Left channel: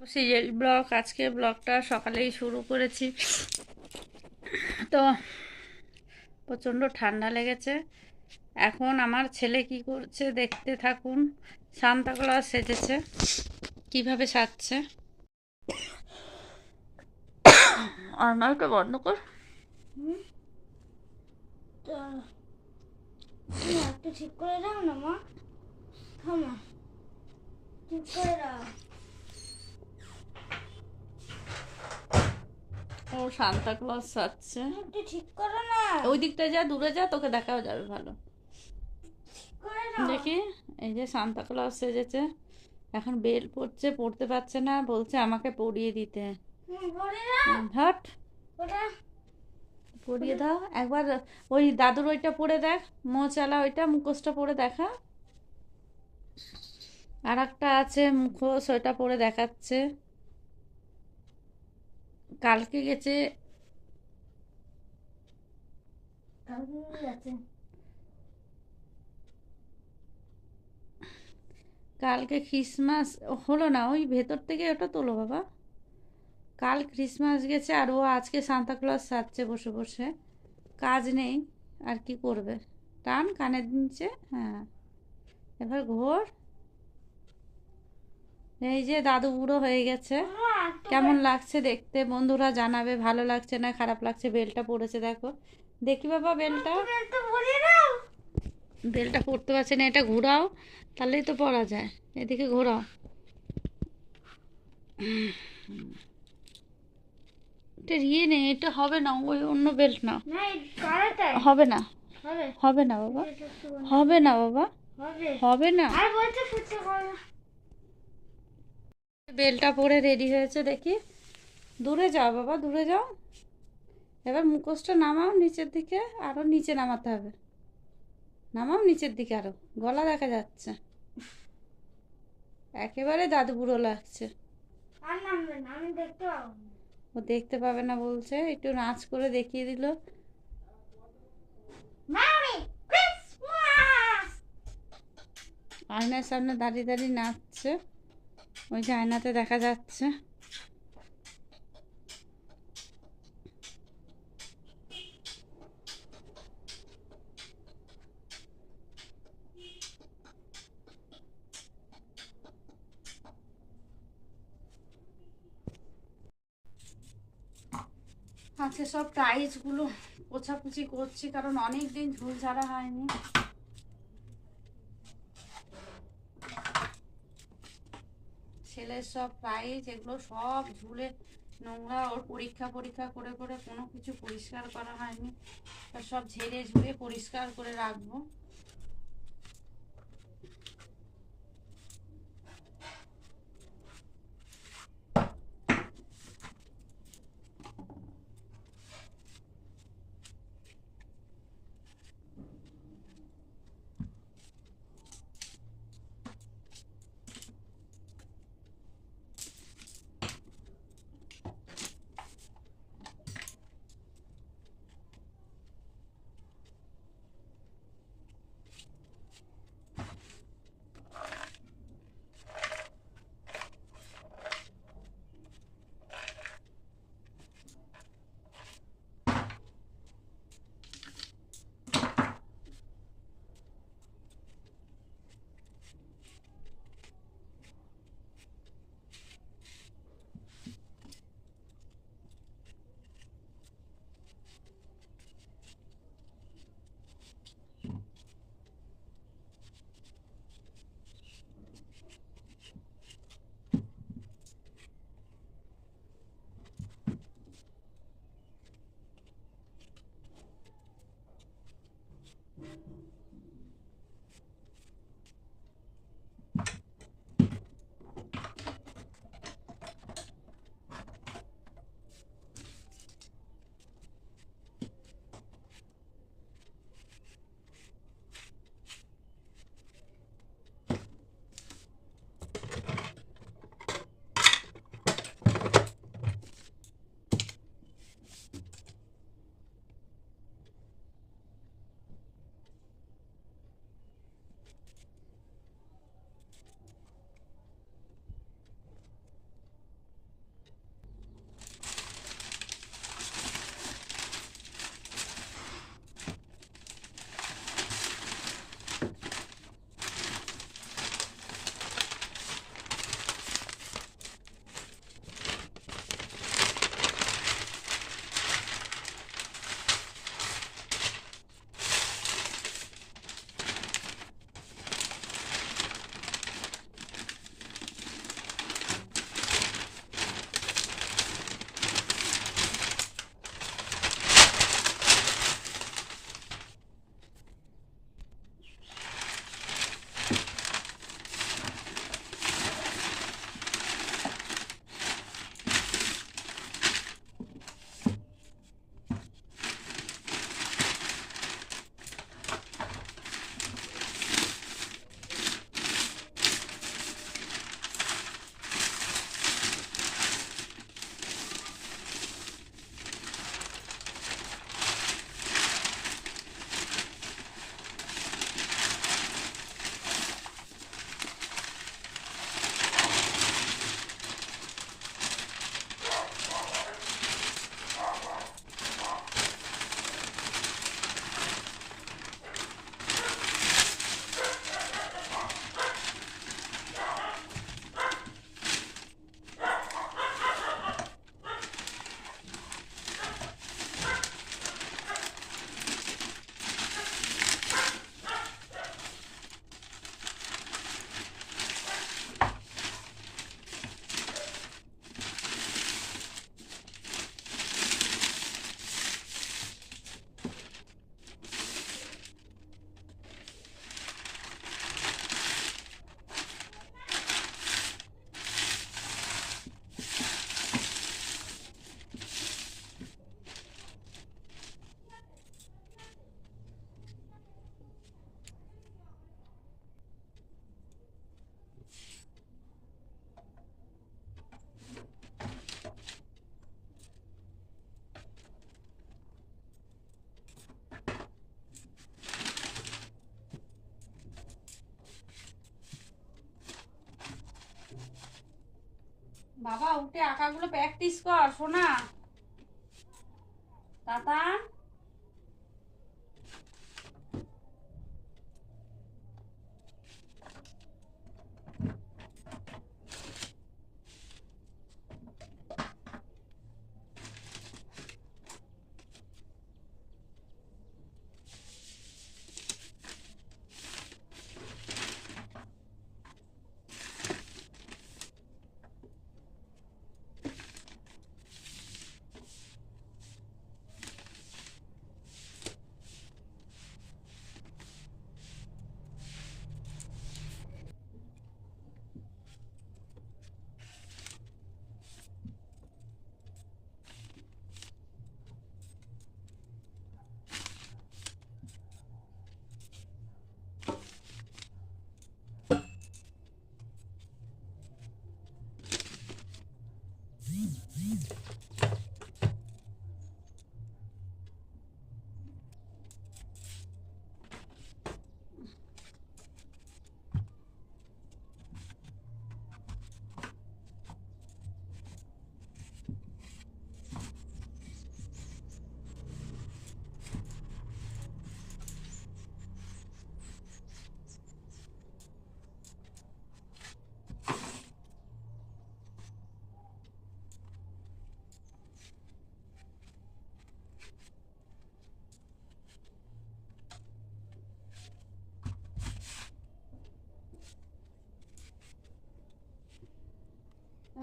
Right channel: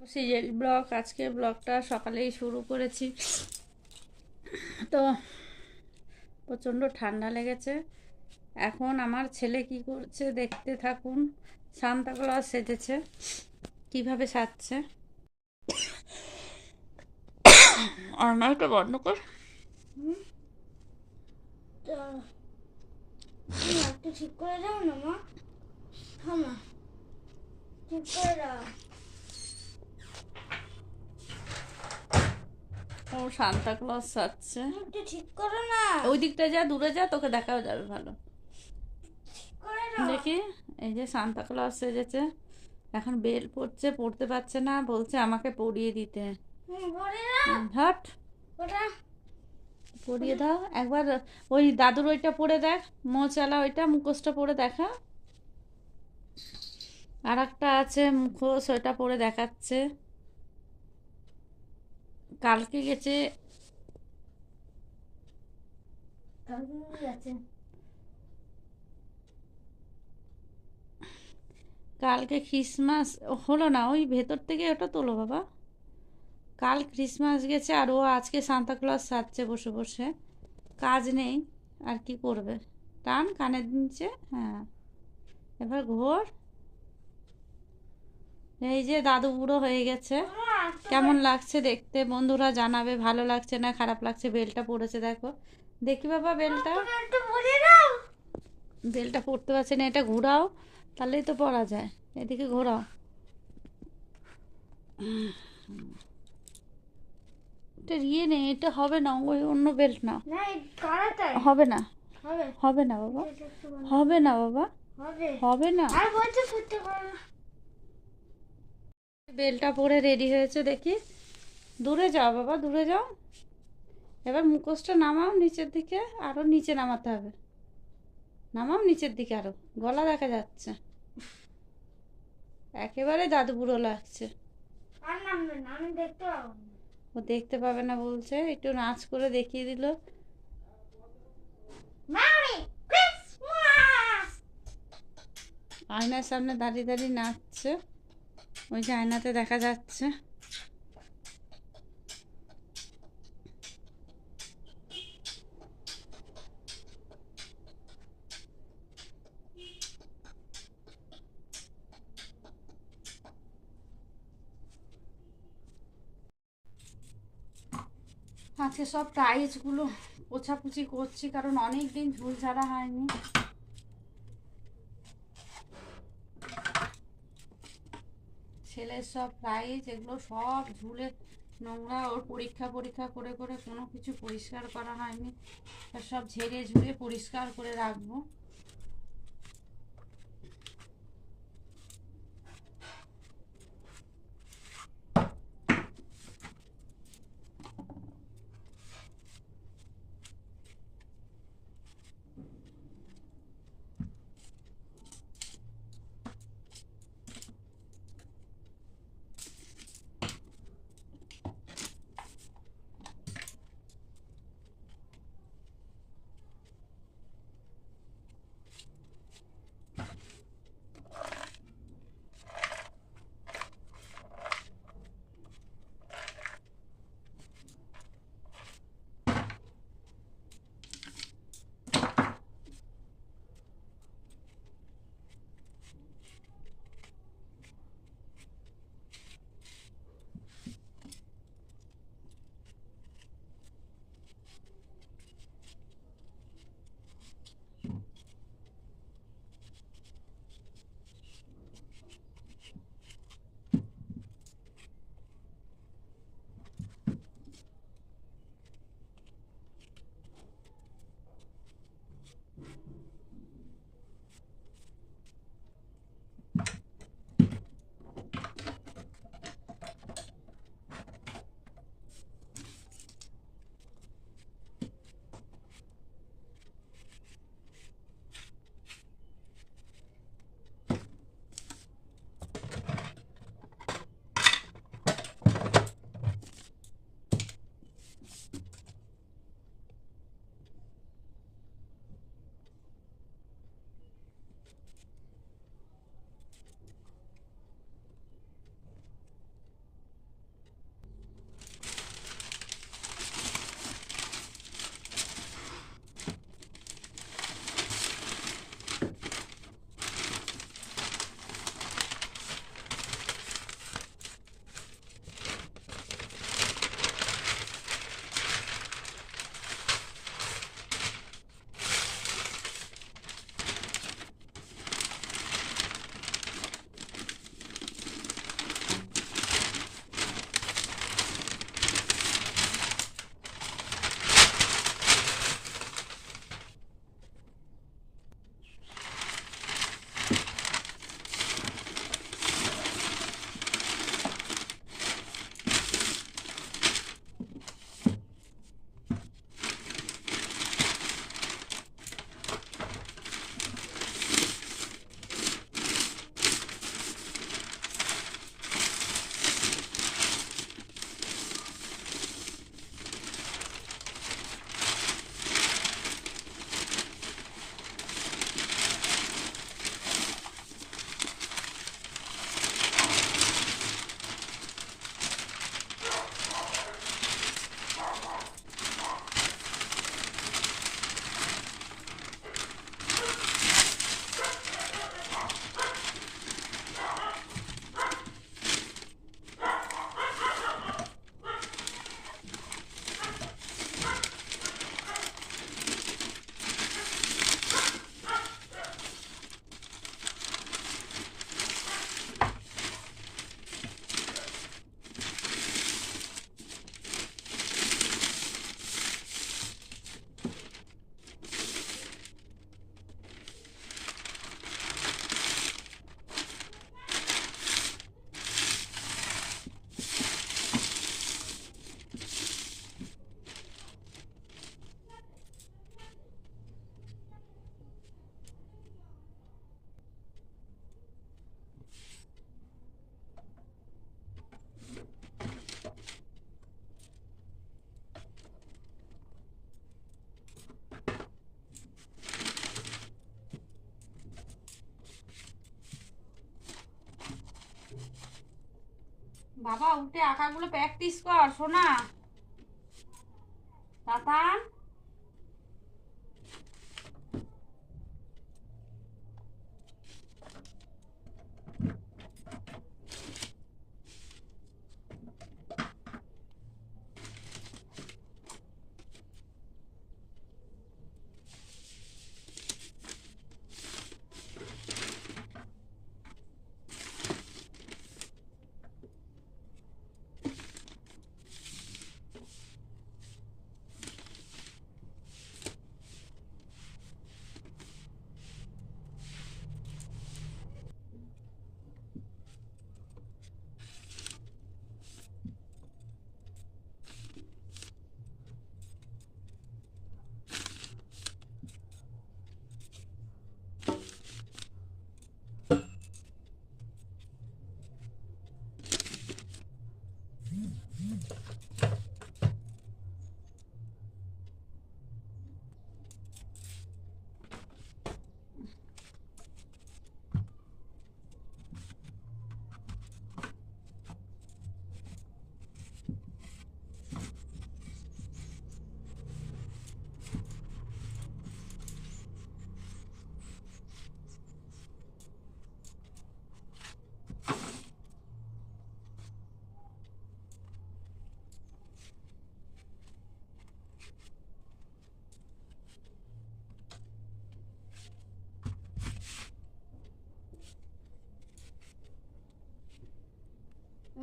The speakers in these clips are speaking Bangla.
সিরিয়াল ব্লগ আজকে ব্লগটা সকালেই শুরু করেছি। তো প্রচণ্ড ঠান্ডা লেগেছে। এখন আমার ছেলে কি করছে দেখতে থাকুন। সান্তা ক্লজ সেজেছে, কিভাবে সাজছে। আর নয়টা বন্ধ কর। একটু ঠিক করে দাও না মা। হ্যাঁ মা, ঠিক করে দাও। ও সান্তা ক্লজ সাজছে। একটু ঠিক করো না। ওই দিকটা যা, দূরে যা, তোকে দেখাও যাবে ভালো। করে দাও। দেখি, এই যে সান্তা ক্লজ সেজেছে। এখন বেল পড়ছে, পড়তে পারছে না, বলছে আমাকে পরিয়ে দিতে। করে দাও। হট, ওটা পরিয়ে দাও একবার। ওই দাদুর ওইটা পড়ে দেখ, মোচালা ওইটা মুখোশটা পড়ে দেখা। আর একটা আছে মুখোশ, ওইটা পড়ে দেখাচ্ছে। কালকে গেছে, আছে। কালকে ক্রিসমাস হলো না, ওই ভেতর থেকে ওটা তোলো বাবা। কাল ক্রিসমাস গেছে আর ও আজকে সান্তা ক্লজ সাজছে বসে বসে। কাজ নেই, আর কি করবে। টান কানের নিচে, হ্যাঁ। এবার ঘোর। এই যে দাদু বুড়ো হয়ে গেছে। কেমন লাগছে দেখতে বন্ধুরা জানাবে, ভালো লাগছে না খারাপ লাগছে। বেলটা পড়েছে দেখো, দেখি বাবা বেলটা। বেলটা পড়তে পারছে না, এটা ঘোরাও, তাহলেই তো পড়া যায়। এদিকে ঘোরাও। এটা ইয়ে নেই, এটা হবে না, ওই অন্য বেল্ট না। হবে না, হবে না বাবা, হবে না বাবা, হবে না। বেলটা পরে রেডি হয়েছে দেখি। দূরে যাও বাবা, দূরে যাও। এবার মুখোশটা নামাও নিচের দিকে, আরো নিচে নামাতে হবে। নামাও নিচের দিকে আরো, গলা দেখা যাচ্ছে। একেবারে দাদু বুড়ো লাগছে। আর নামবে না, আমি দেখতে পাবো না। ও দেখতে পাবে না বলছে, একটু নাচ করে দেখিয়ে দিল। Merry Christmas. আয়নার সামনে দাঁড়িয়ে দাঁড়িয়ে নাচছে, ওই যে আয়নাতে দেখা যাচ্ছে। আজকে সব টাইলসগুলো পোছাপুছি করছি, কারণ অনেক দিন ঝুল ঝাড়া হয়নি। ছেলের সব প্রাইজ এগুলো সব ঝুলে নোংরা, ওর পরীক্ষা পরীক্ষা করে করে কোনো কিছু পরিষ্কার করা হয়নি। সব ঝেড়ে ঝুড়ে পরিষ্কার করে রাখবো। বাবা উঠে আঁকাগুলো প্র্যাকটিস কর সোনা। তাতান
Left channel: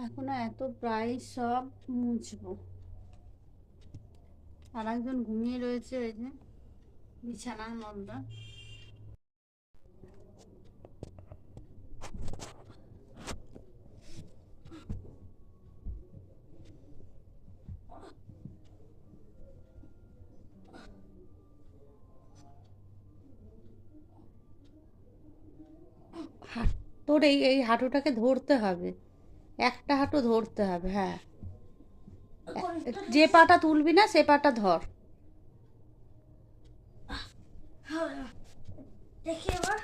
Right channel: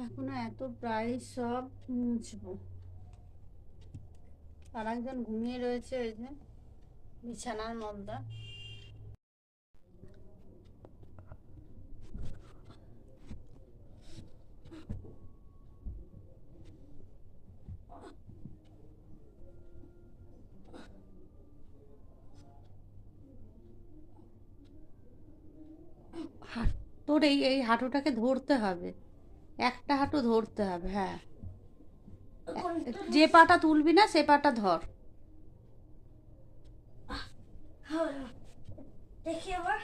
এখন এত প্রায় সব মুছবো। আর একজন ঘুমিয়ে রয়েছে ওই যে বিছানার মধ্যে। তোর এই এই হাঁটুটাকে ধরতে হবে, একটা হাঁটু ধরতে হবে। হ্যাঁ, যে পাটা তুলবি না সে পাটা ধর। দেখি এবার।